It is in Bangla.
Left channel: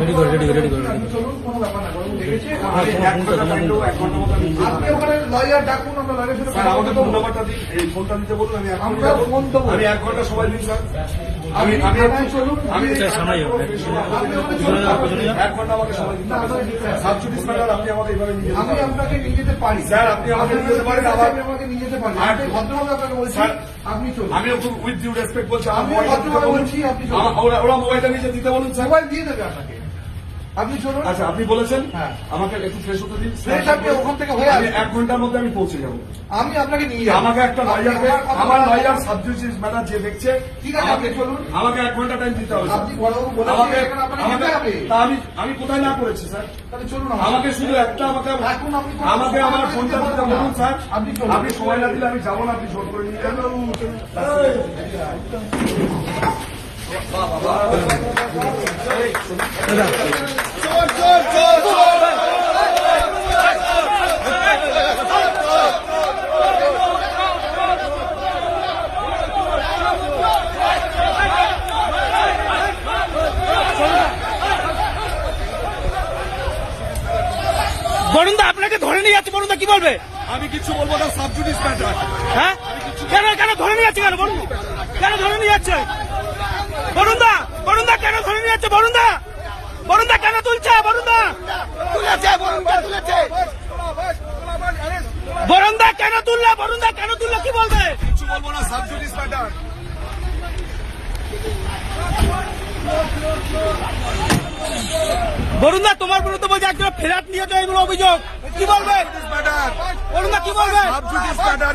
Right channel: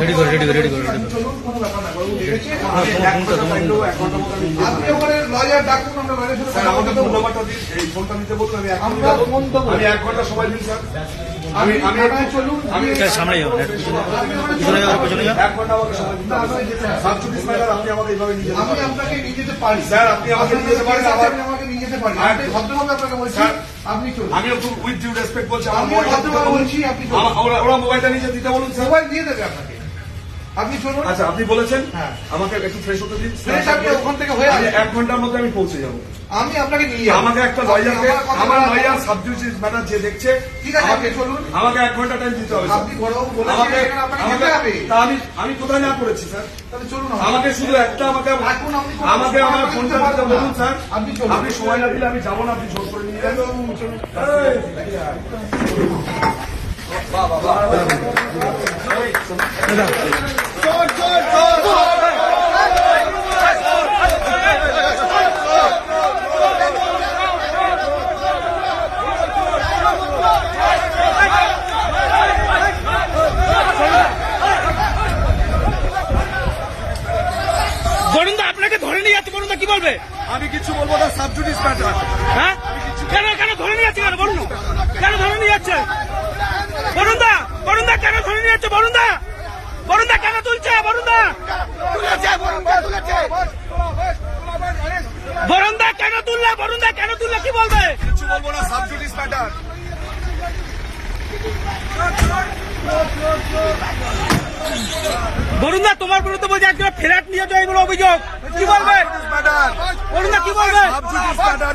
রেডি করে চলুন, কোনো ব্যাপার না, আপনি ওখানে লয়ার ডাকুন, আমরা লয়ারের সাথে কথা বলতে দেবো। এই ফোনটা নিতে বলুন, আমরা ফোন দেবো। আমি 1 ঘন্টা সময় দিন স্যার। আমি চলুন, আমি সামনে যাও, পিছনে যাও, পিছনে যাও। 1 ঘন্টা আমাকে সময় দিন। সাবজুডিস ম্যাটার আপনি আমাকে এইভাবে নিয়ে আমি আপনাকে নিয়ে যেতে পারি স্যার, আপনি আমাকে নিয়ে যেতে পারেন, আবার আমাকে নিয়ে যেতে পারি। আর আমি ভদ্রভাবে আপনাকে বলছি, স্যার, আপনি চলুন। আমি খুব উইথ ডিউ রেসপেক্ট বলছি, আমি ভদ্রভাবে বলছি, আপনি চলুন। ওরা মোবাইলটা নিয়ে দিতে বলুন স্যার। মোবাইল দিয়ে দেবে আপনাকে, আপনি চলুন। আচ্ছা, আপনি বলেছেন হ্যাঁ। আমাকে একটু ফ্রেশ হতে দিন। ফ্রেশ আপনি ওখান থেকে হয়ে আসবেন। 1 ঘন্টার মধ্যে আমি পৌঁছে যাবো। আমি আপনাকে নিয়ে যাবো। আমাকে একটা লয়ারকে, আমার লয়ার সাবজুডিস ম্যাটার যে দেখছে, ঠিক আছে, আপনি চলুন। আমাকে 1 ঘন্টা টাইম দিতে হবে। আপনি বড়বাবু বলেছেন, আমাকে এখানে আপনাকে যেতে হবে। তা আমি কোথায় না করেছি স্যার? তাহলে চলুন। আমাকে শুধু একটা এখন আপনি আমাকে আমার ফোনটা দিতে বলুন স্যার। আপনি চলুন। আপনি সময় না দিলে আমি যাবো না, আপনি জোর করে নিয়ে যাবেন। বরুণদা আপনাকে ধরে নিয়ে যাচ্ছে, বরুণদা কি বলবে? আমি কিছু বলবো না, সাবজুডিস ম্যাটার। হ্যাঁ, কেন ধরে নিয়ে যাচ্ছে? কেন ধরে নিয়ে যাচ্ছে? বরুণদা কেন ধরে নিয়ে যাচ্ছে? বরুণদা কেন তুলছে? বরুণদা কেন তুললে? বরুণদা কেন তুললে কি বলবে? কিছু বলবো না, সাবজুডিস ম্যাটার। বরুণদা তোমার বিরুদ্ধে বলছে একটা ফ্ল্যাট নিয়ে তো এইগুলো অভিযোগ, কি বলবে? ম্যাটার, বরুণদা কি বলবে? Sub judice matter.